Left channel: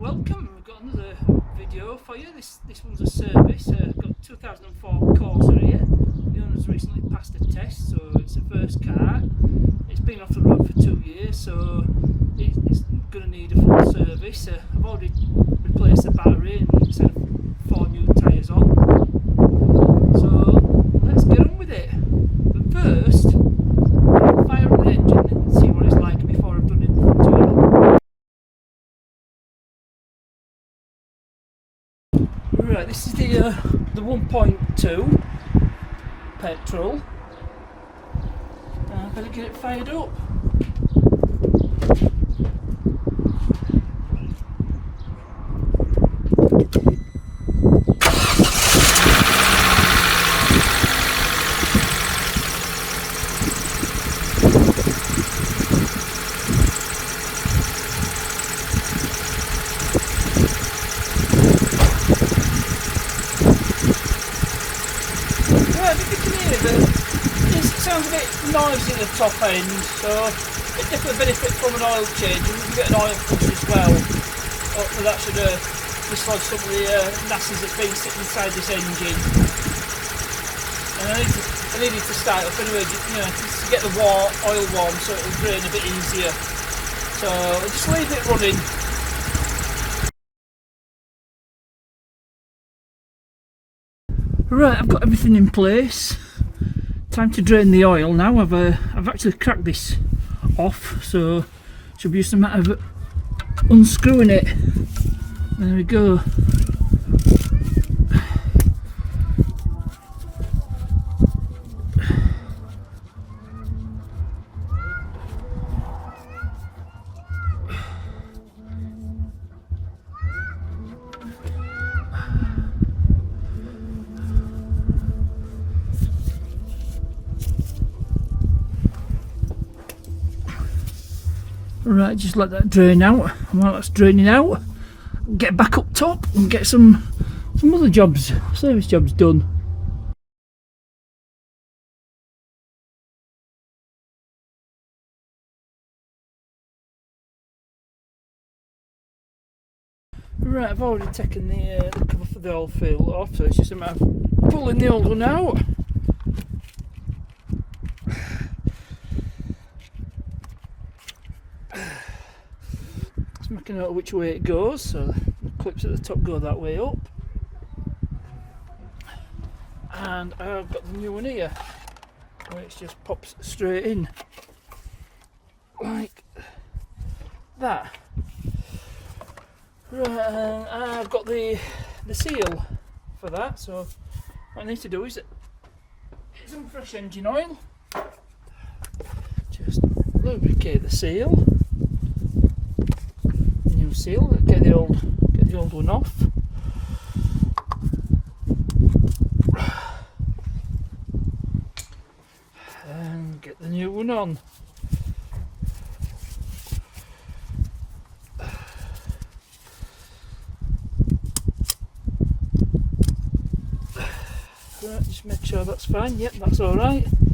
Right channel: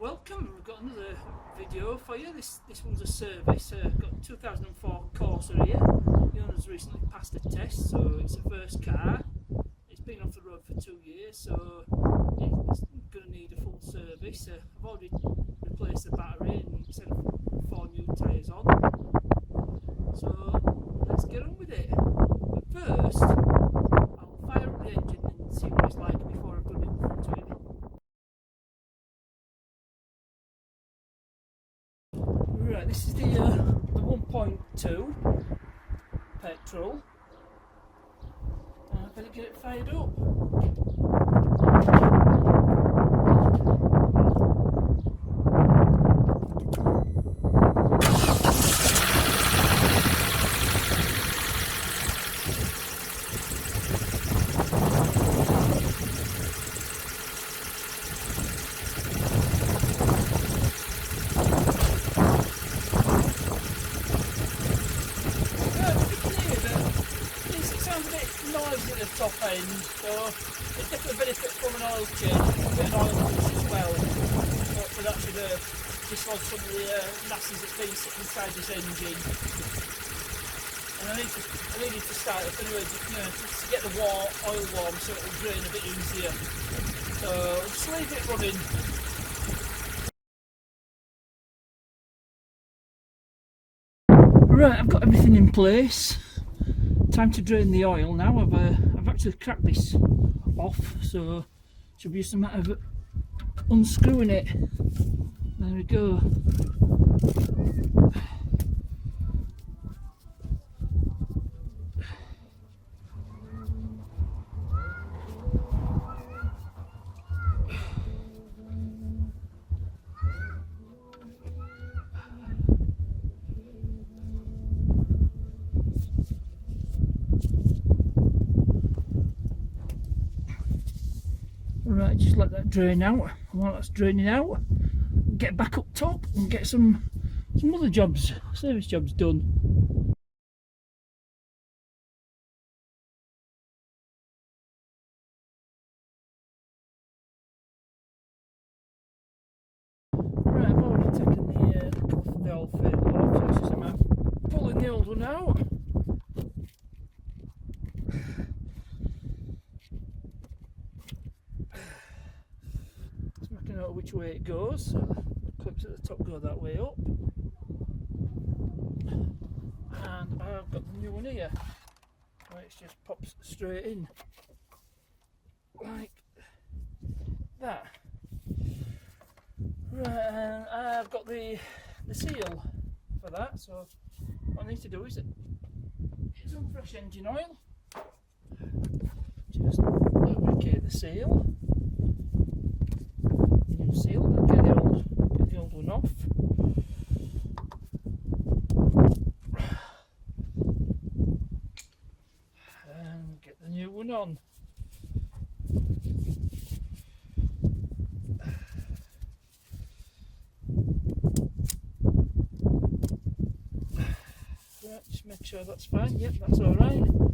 welcome. We've got another video for you. This one's a service. Got 2004 Corsa here. The owner's recently passed a test, so it's the first car. It's been off the road for 2 years, so it's going to need a full service. I've already replaced the battery and set 4 new tyres on. So let's get on with it. But first, I'll fire up the engine and see what it's like before I've done it in front of you. Right, this is the 1.2 petrol. Better get it fired up. Sounds a bit noisy at the top end, so it definitely benefits from an oil change, and we can get an oil push as well. Hopefully that should dislodge some of the nasties that's been sitting inside this engine. And I need it to start up anyway, just to get the oil warm so it'll drain a bit easier. So just leave it running. Right, I've got everything in place. Time to drain the oil now. I've actually cracked this off, so it should be just a matter of unscrewing it. There we go. Right, just let that drain out. And while that's draining out, get back up top and get some other jobs, service jobs done. Right, I've already taken the cover for the oil fill off, so it's just a matter of pulling the old one out. Making out which way it goes, so the clips at the top go that way up, and I've got the new one here where it just pops straight in like that. Right, and I've got the seal for that, so what I need to do is some fresh engine oil, just lubricate the seal. Seal, get the old one off. And get the new one on. Right, just make sure that's fine. Yep, that's alright. And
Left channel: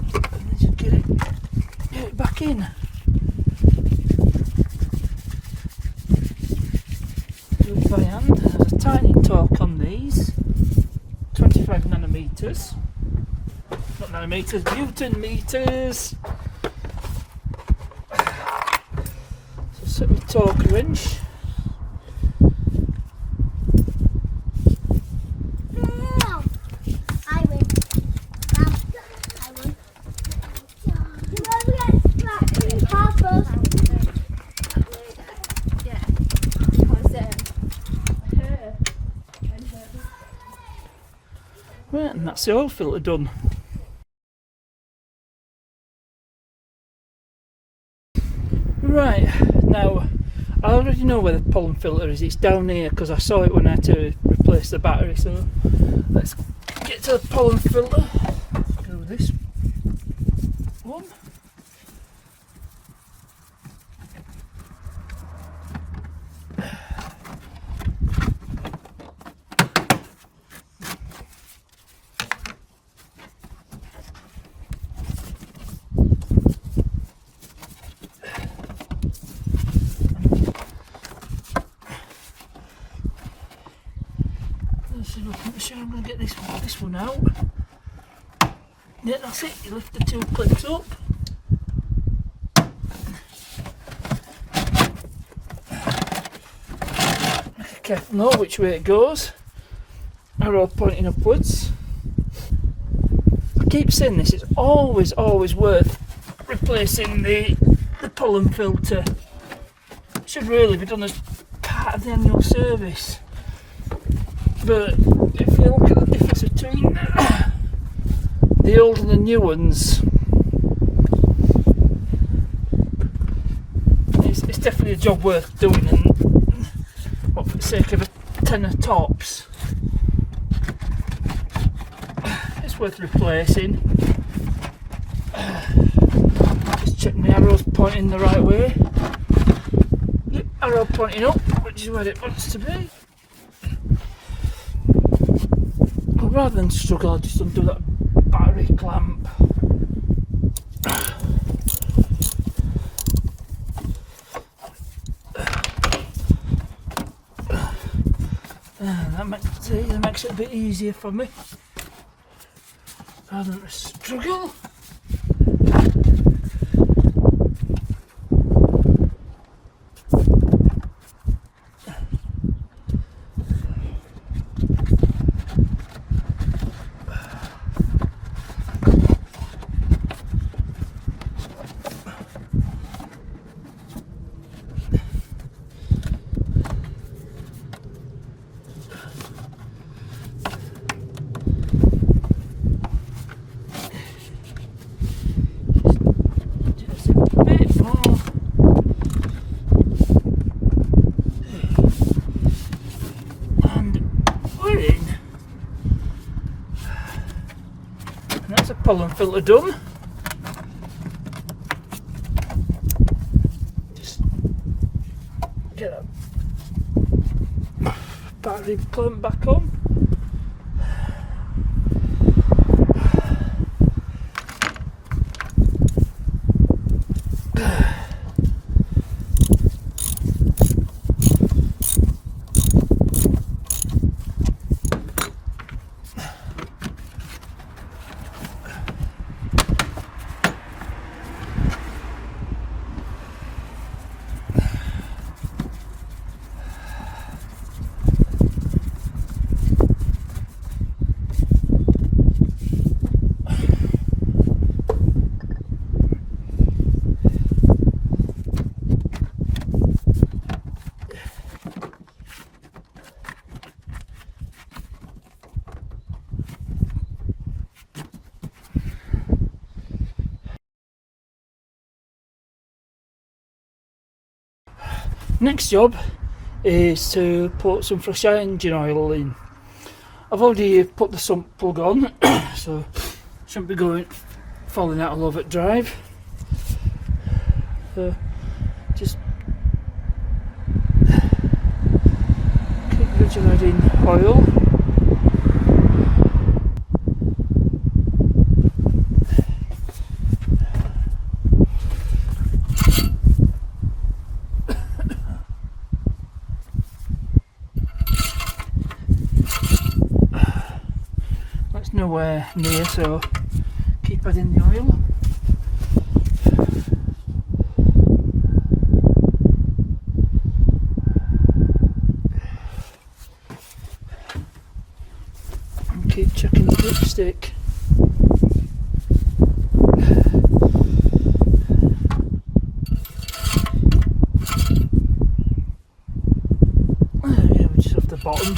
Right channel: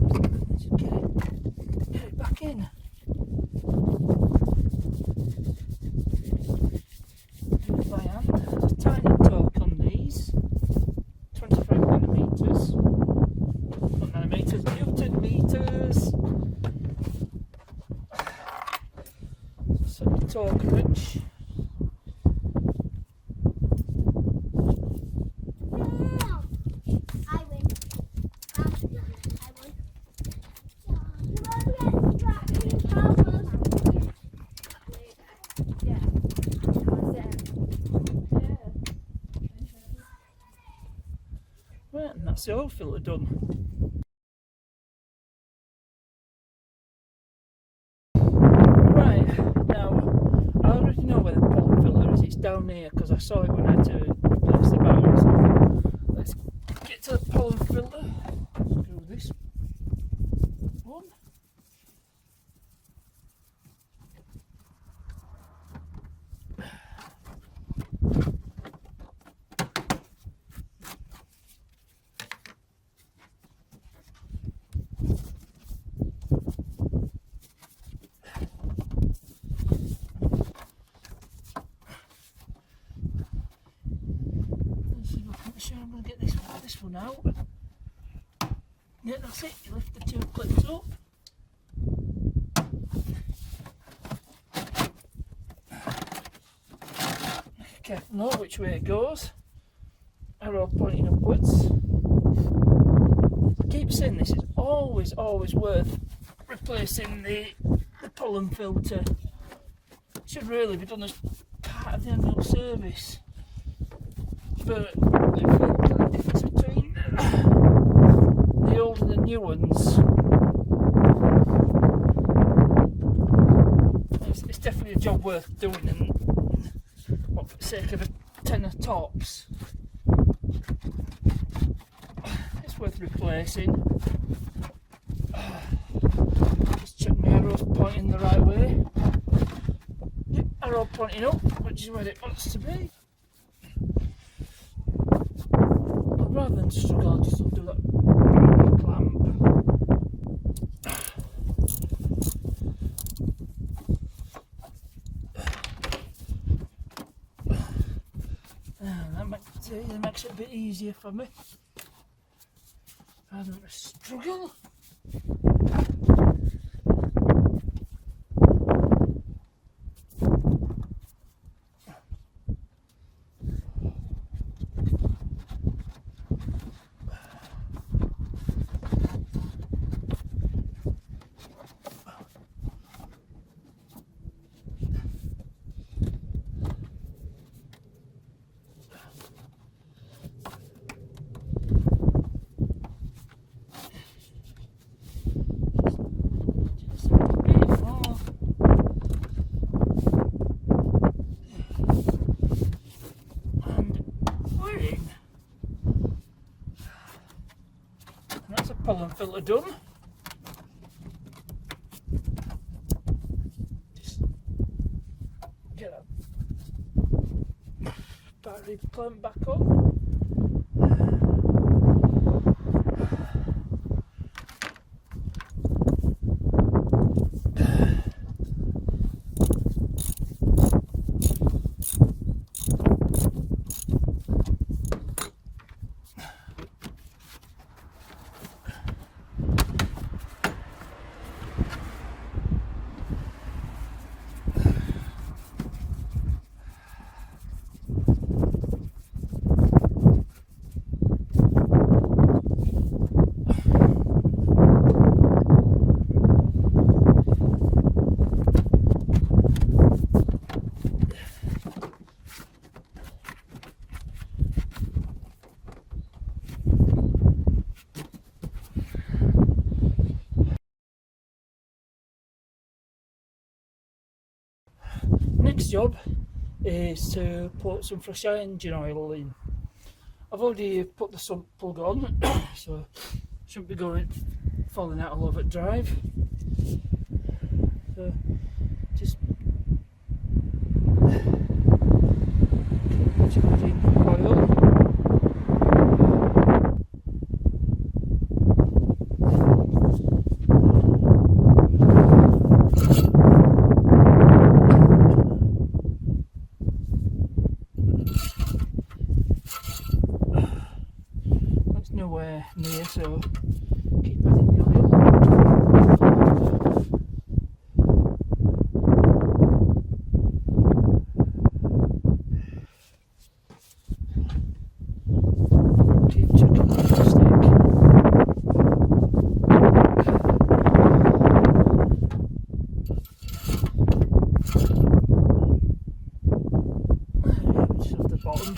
then just get it back in. By hand. There's a tiny torque on these, 25 nanometers, not nanometers, Newton meters. So set the torque wrench. Right, and that's the oil filter done. Right, now I already know where the pollen filter is. It's down here because I saw it when I had to replace the battery. So let's get to the pollen filter. Go with this one. this one out. Yeah, that's it, you lift the two clips up. Make careful know which way it goes. Arrow pointing upwards. I keep saying this, it's always worth replacing the pollen filter. It should really be done as part of the annual service. But if you look at the difference between the old and the new ones, it's definitely a job worth doing, and what, for the sake of a tenner tops, it's worth replacing. Just check my arrows pointing the right way. Yep, arrow pointing up, which is where it wants to be. But rather than struggle, I'll just undo that battery clamp. That makes it a bit easier for me, rather than a struggle. That's a pollen filter done. Just get that battery clamp back on. Next job is to put some fresh engine oil in. I've already put the sump plug on, so shouldn't be falling out all over at drive. So just keep gradually adding oil. Nowhere near, so keep adding the oil. Keep checking the dipstick. There we go, just off the bottom.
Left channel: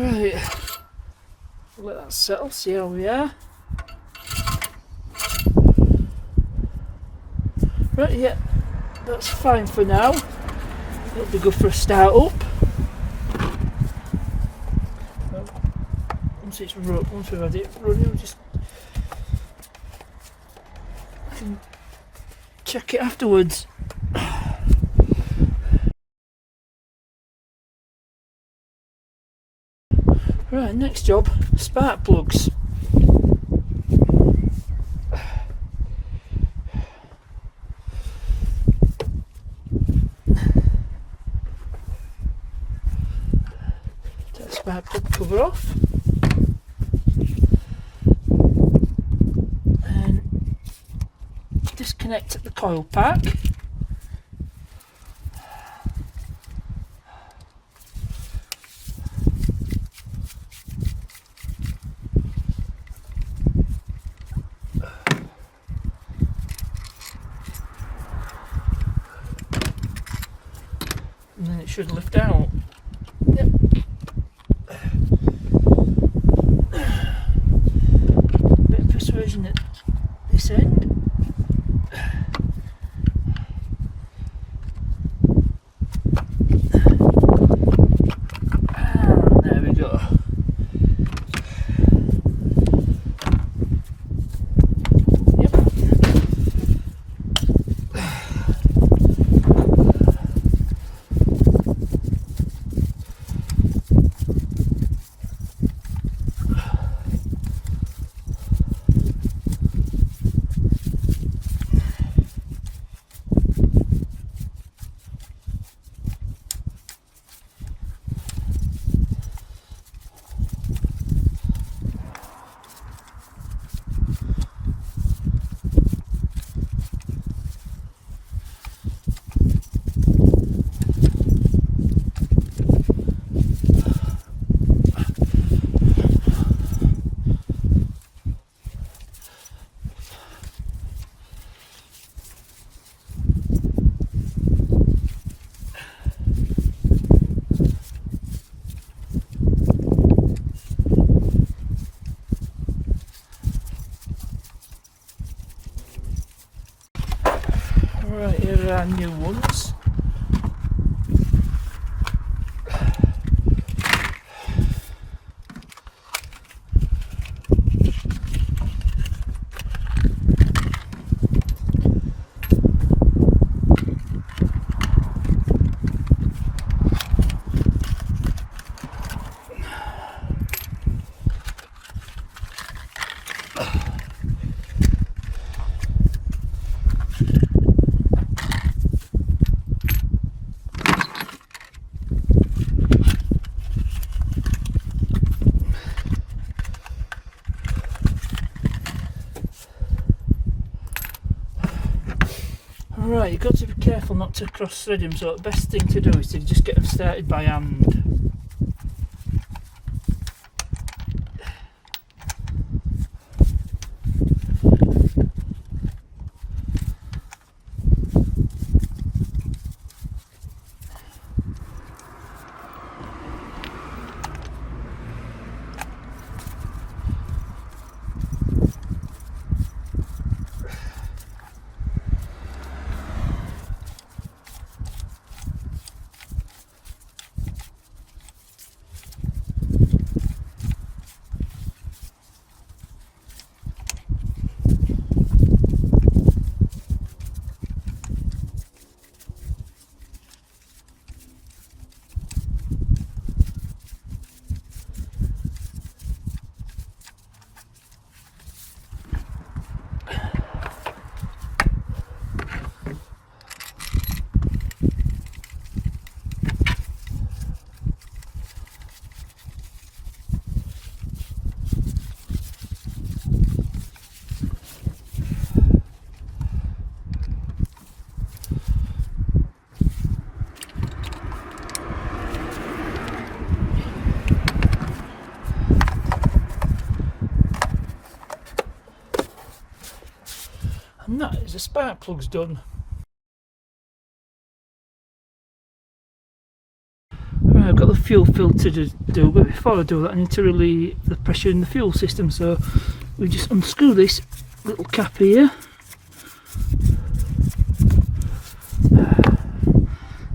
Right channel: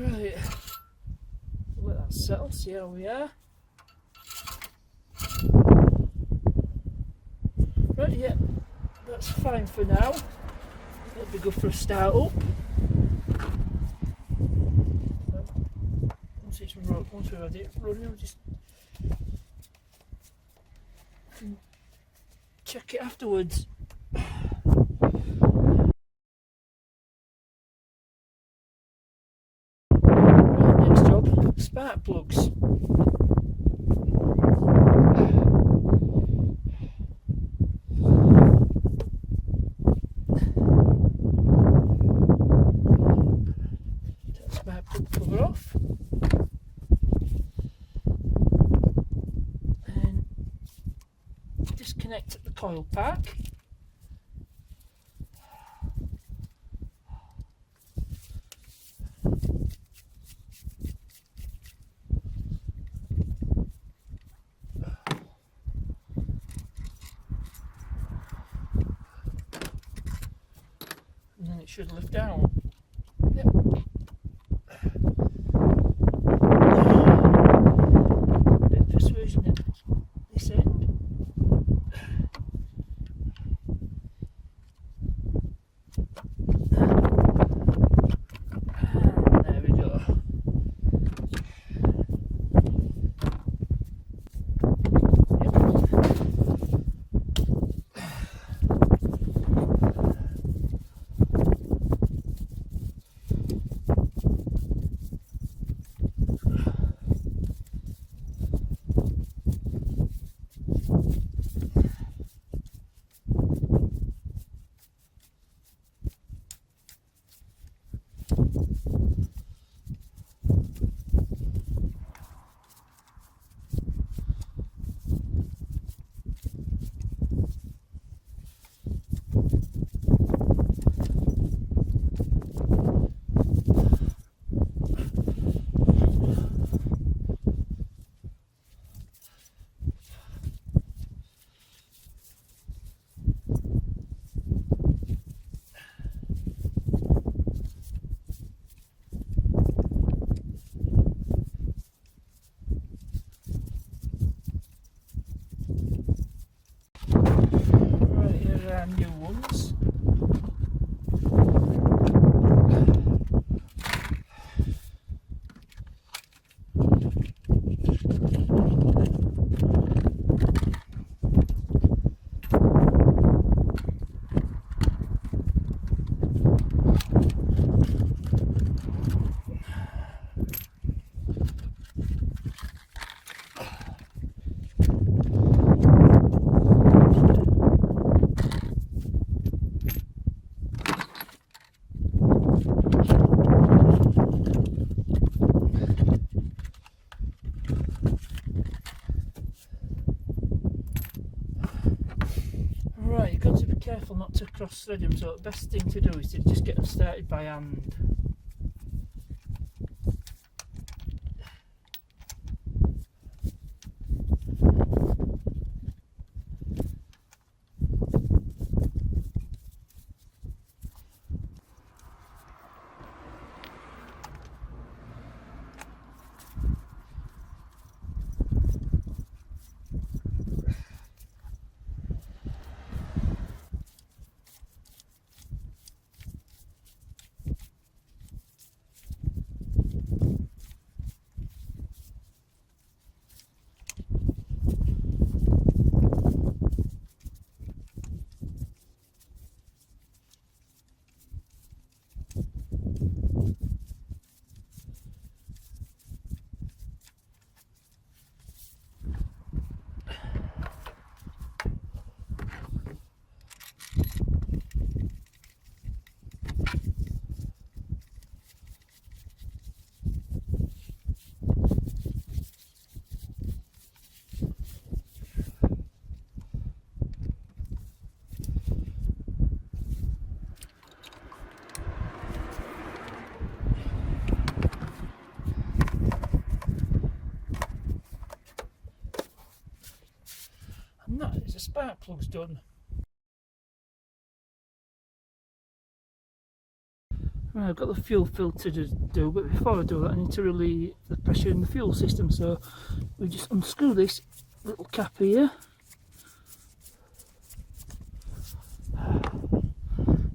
Right, let that settle, see how we are. Right, yeah, that's fine for now. It'll be good for a start up. Once we've had it running, we'll just check it afterwards. Right, next job, spark plugs. spark plug cover off. And disconnect the coil pack. And then it should lift out. Yep. Bit of persuasion at this end. And there we go. Right, here are our new ones. Right, you've got to be careful not to cross thread them, so the best thing to do is to just get them started by hand. And that is the spark plugs done. Right, I've got the fuel filter to do, but before I do that I need to relieve the pressure in the fuel system, so we just unscrew this little cap here.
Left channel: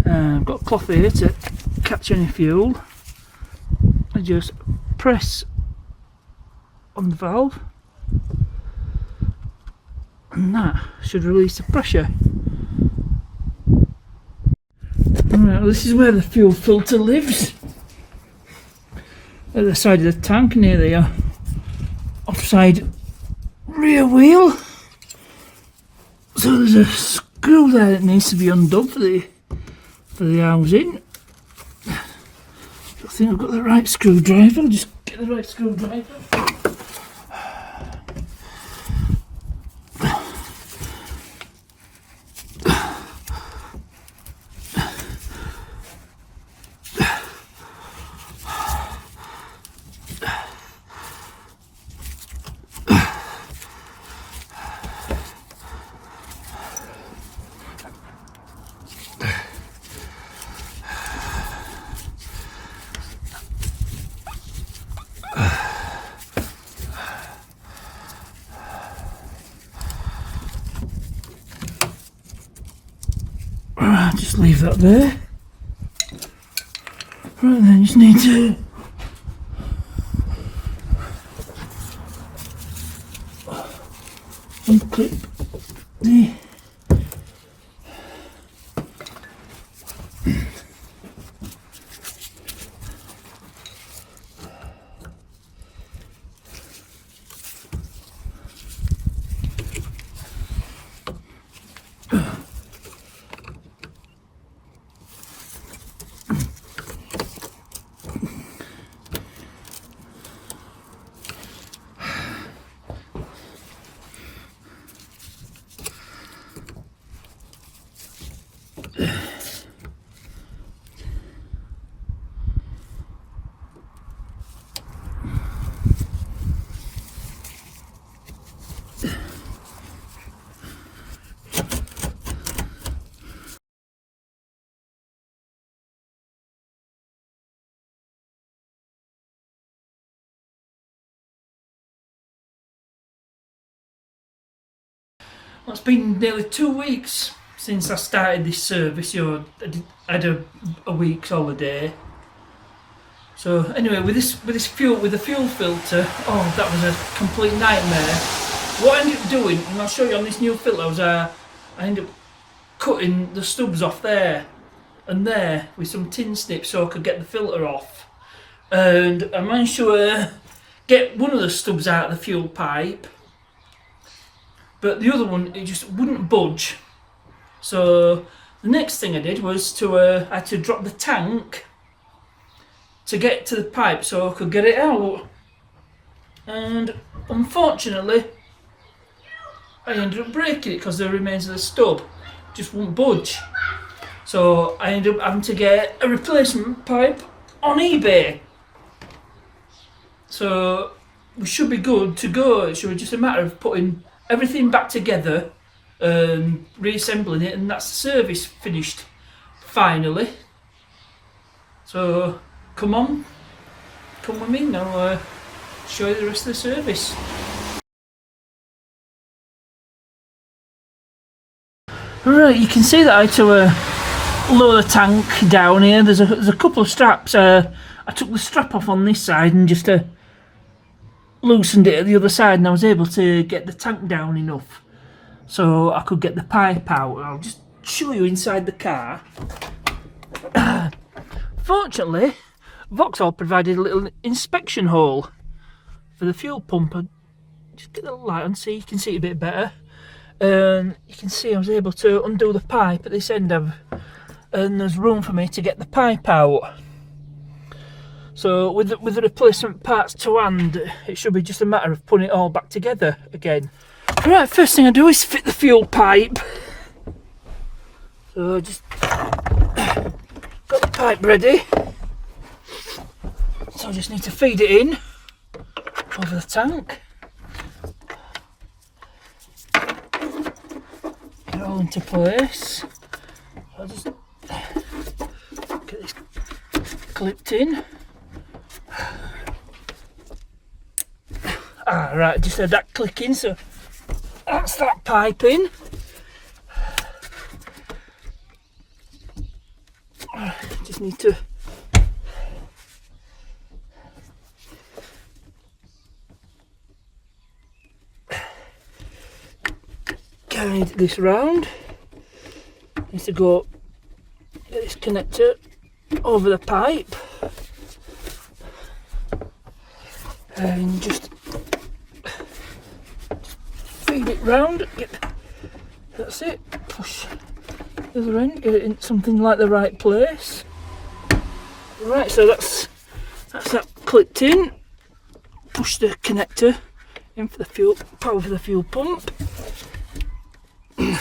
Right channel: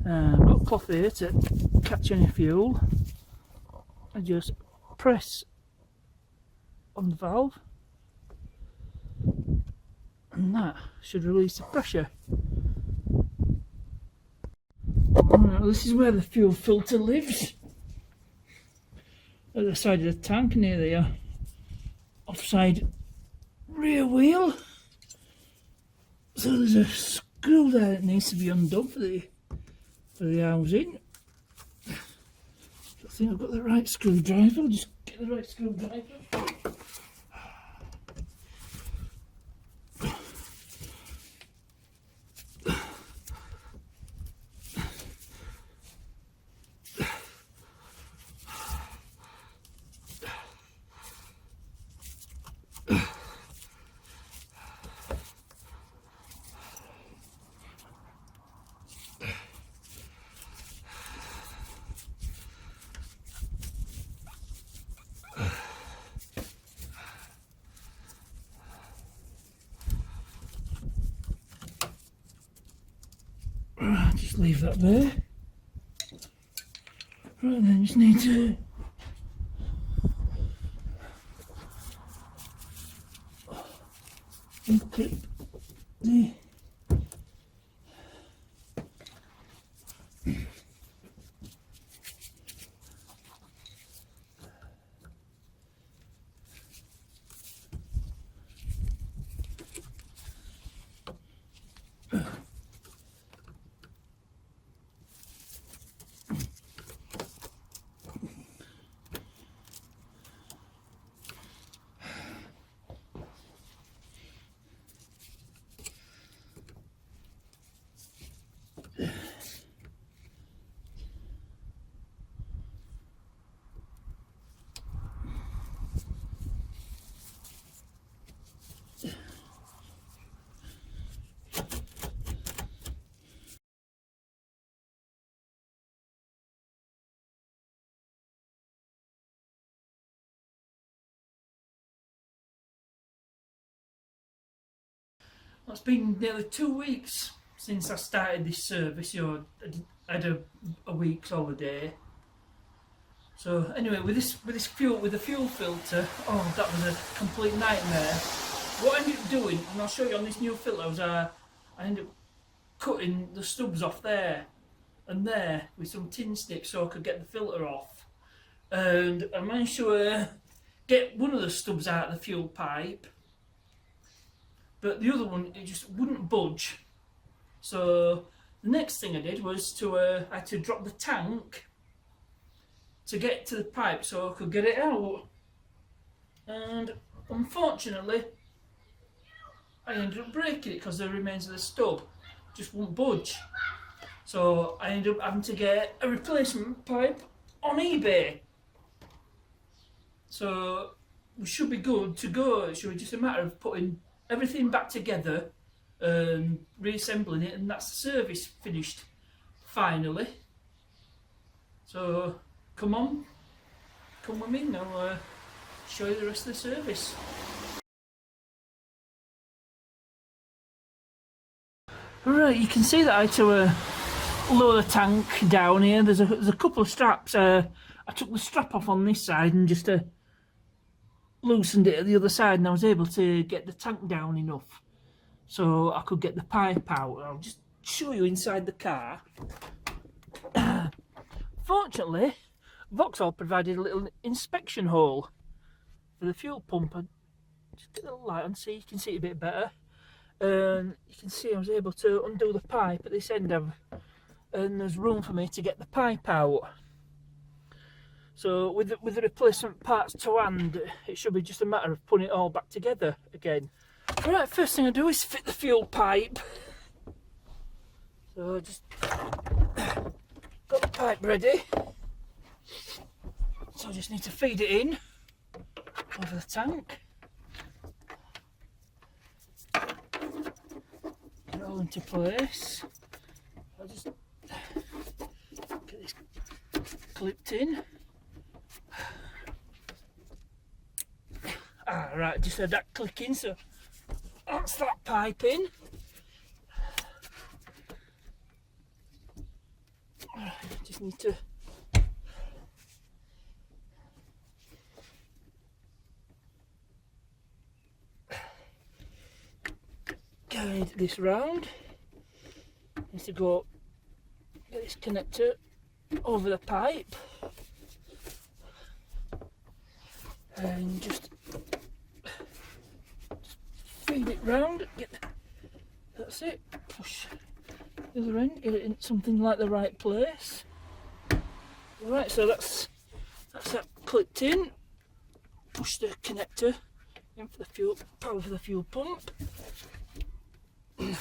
I've got a cloth here to catch any fuel. I just press on the valve and that should release the pressure. Right, well, this is where the fuel filter lives, at the side of the tank near the offside rear wheel. So there's a screw there that needs to be undone for the housing. think I've got the right screwdriver. I'll just get the right screwdriver. Right, just leave that there. Right then, just need to unclip the Well, it's been nearly 2 weeks since I started this service. I had a week's holiday. So anyway, with the fuel filter, oh, that was a complete nightmare. What I ended up doing, and I'll show you on this new filter, I ended up cutting the stubs off there and there with some tin snips so I could get the filter off. And I managed to get one of the stubs out of the fuel pipe. But the other one, it just wouldn't budge. So the next thing I did was I had to drop the tank to get to the pipe so I could get it out. And unfortunately, I ended up breaking it because the remains of the stub just wouldn't budge. So I ended up having to get a replacement pipe on eBay. So we should be good to go. It should be just a matter of putting everything back together and reassembling it, and that's the service finished finally. So come with me and I'll show you the rest of the service. Right, you can see that I had to lower the tank down here. There's a couple of straps. I took the strap off on this side and just loosened it at the other side, and I was able to get the tank down enough so I could get the pipe out. I'll just show you inside the car. Fortunately, Vauxhall provided a little inspection hole for the fuel pump. Just get the light on so you can see it a bit better. And you can see I was able to undo the pipe at this end and there's room for me to get the pipe out. So with the replacement parts to hand, it should be just a matter of putting it all back together again. Right, first thing I do is fit the fuel pipe. So just got the pipe ready. So I just need to feed it in over the tank. Get it all into place. I'll just get this clipped in. Right, just had that clicking, so that's that pipe in. Just need to guide this round. Needs to go get this connector over the pipe and just feed it round. That's it. Push the other end, get it in something like the right place. Right, so that's That's that clipped in. Push the connector in for the fuel, power for the fuel pump. And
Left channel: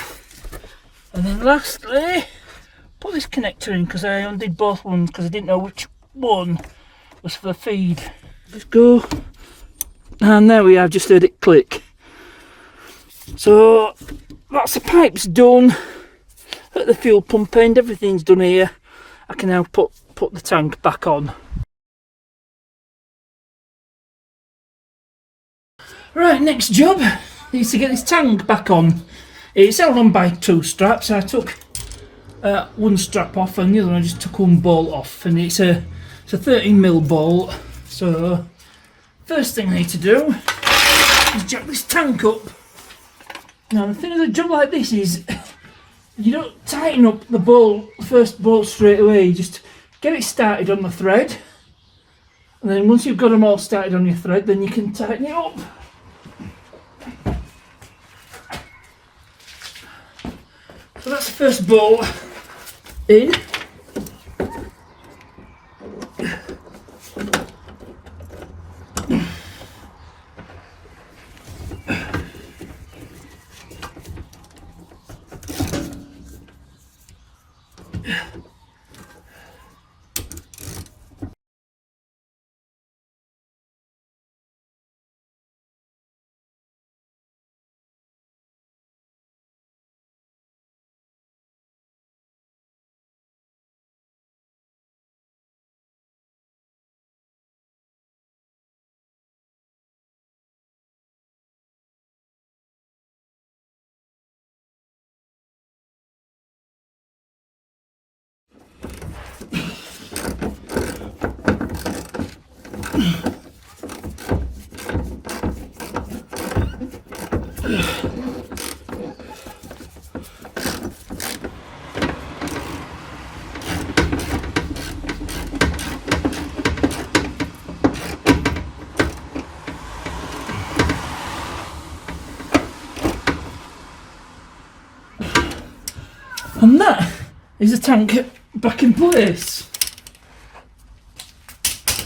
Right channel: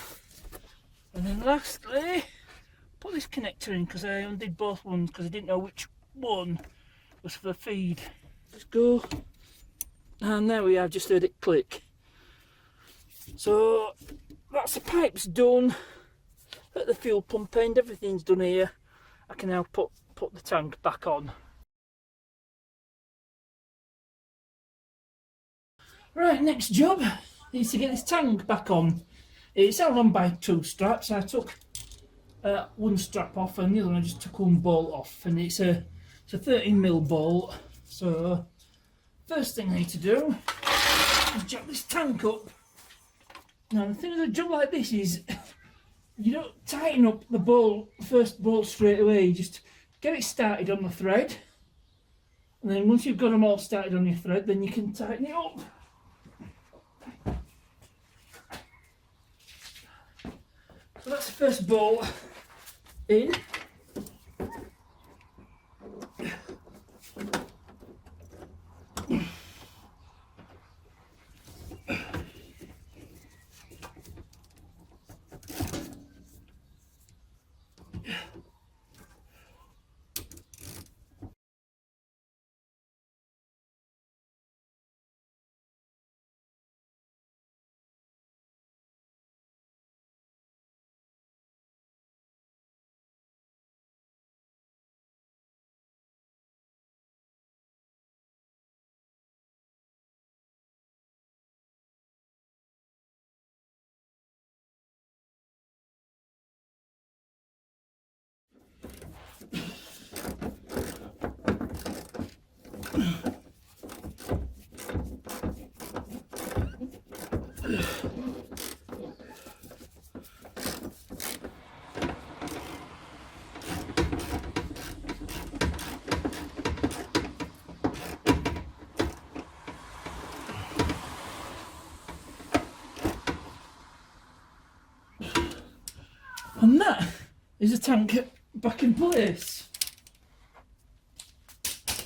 then lastly, put this connector in because I undid both ones because I didn't know which one was for the feed. Just go, and there we have, just heard it click. So that's the pipes done at the fuel pump end, everything's done here. I can now put the tank back on. Right, next job is to get this tank back on. It's held on by 2 straps. I took one strap off and the other one I just took one bolt off, and it's a 13mm bolt. So first thing I need to do is jack this tank up. Now the thing with a job like this is you don't tighten up the first bolt straight away. You just get it started on the thread, and then once you've got them all started on your thread, then you can tighten it up. So that's the first bolt in. And that is the tank back in place.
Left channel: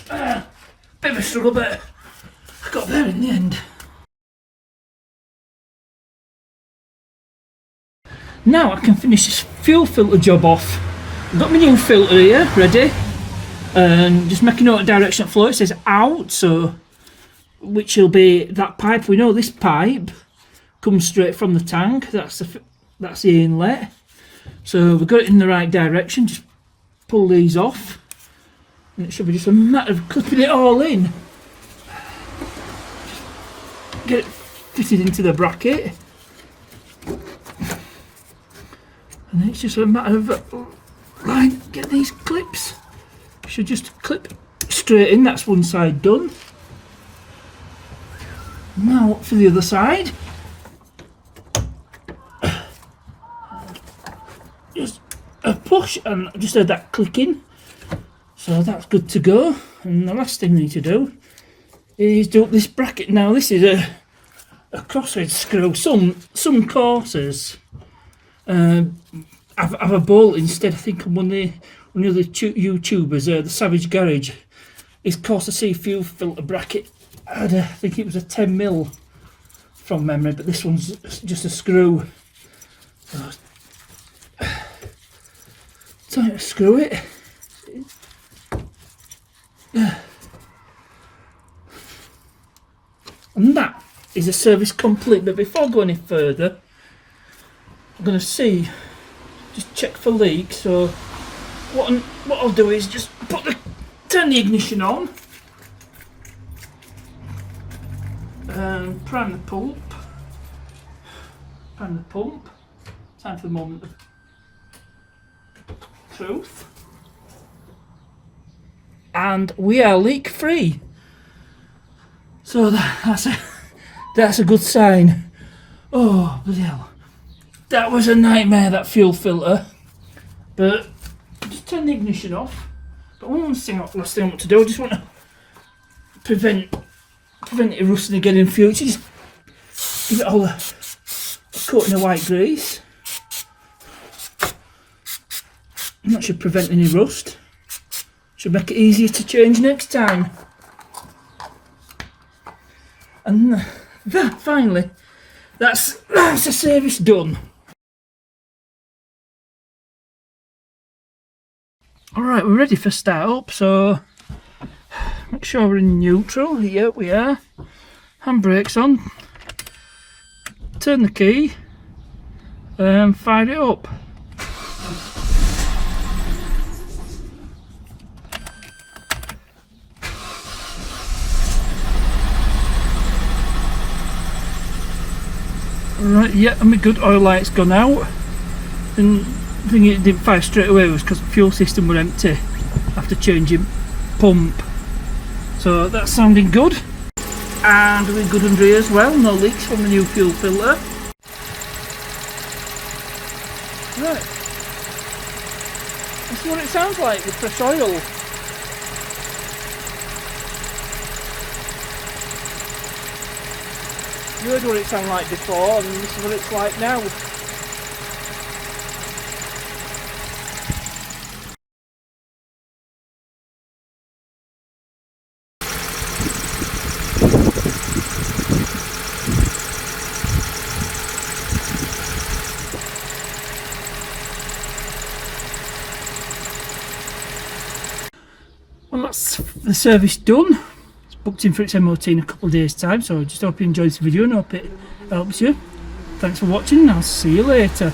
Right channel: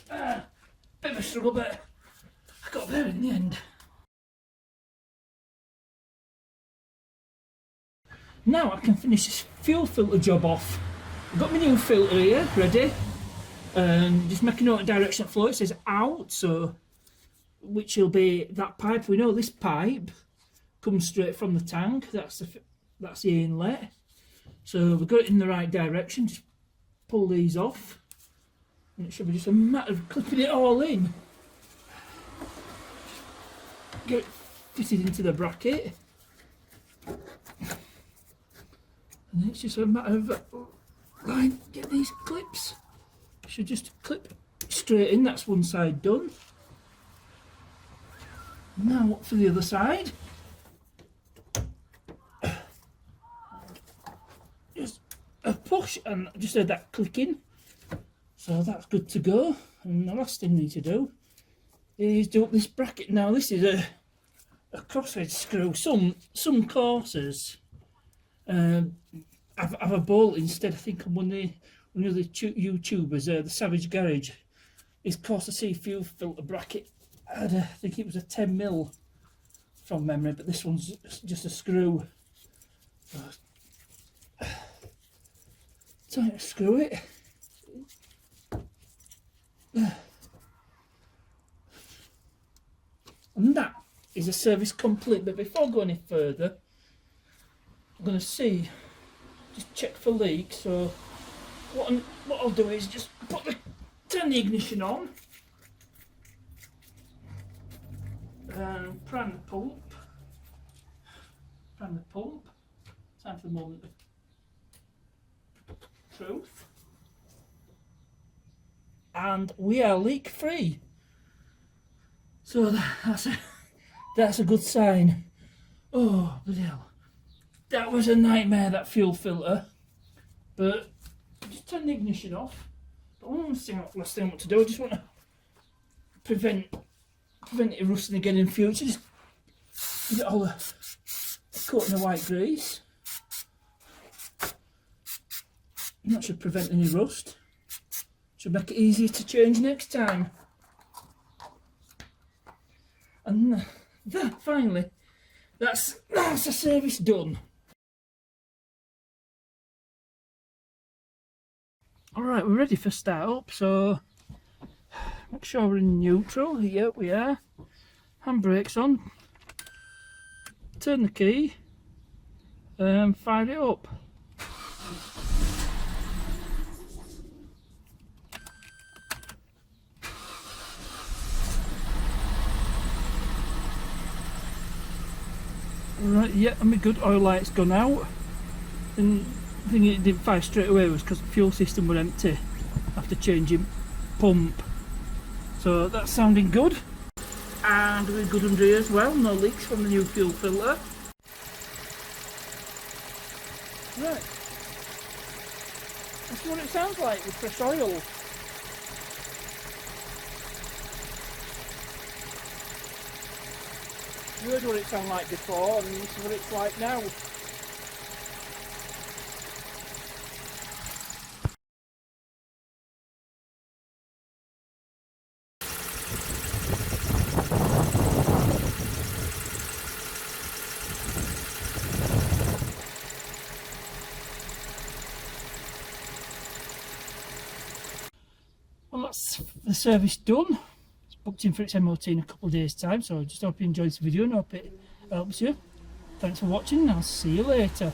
Bit of a struggle, but I got there in the end. Now I can finish this fuel filter job off. I've got my new filter here ready, and just making note of direction of flow. It says out, so which will be that pipe. We know this pipe comes straight from the tank. That's the inlet. So we've got it in the right direction. Just pull these off, and it should be just a matter of clipping it all in. Get it fitted into the bracket, and then it's just a matter of get these clips. Should just clip straight in. That's one side done. Now for the other side. Just a push, and I just heard that clicking, so that's good to go. And the last thing we need to do is do up this bracket. Now this is a crosshead screw. Some Corsas have a bolt instead. I think one of the other YouTubers, the Savage Garage, his Corsa C fuel filter bracket had I think it was a 10mm from memory, but this one's just a screw. So time to screw it. And that is a service complete. But before I go any further, I'm going to just check for leaks. So what I'll do is just turn the ignition on, prime the pump. Time for the moment of truth. And we are leak free. So that's a good sign. Oh bloody hell. That was a nightmare, that fuel filter. But just turn the ignition off. But last thing I want to do, I just want to prevent it rusting again in future. Just give it all a coating of white grease. And that should prevent any rust. Should make it easier to change next time. And that, finally, that's the service done. Alright, we're ready for start up, so make sure we're in neutral. Yeah, we are. Handbrakes on. Turn the key and fire it up. Right, yeah, and my good oil light's gone out. And the thing it didn't fire straight away was because the fuel system were empty after changing pump. So that's sounding good. And we're good under here as well, no leaks from the new fuel filter. Right. This is what it sounds like with fresh oil. You heard what it sounded like before, and this is what it's like now. Well, that's the service done. It's booked in for its MOT in a couple of days' time, so I just hope you enjoyed this video and hope it helps you. Thanks for watching, and I'll see you later.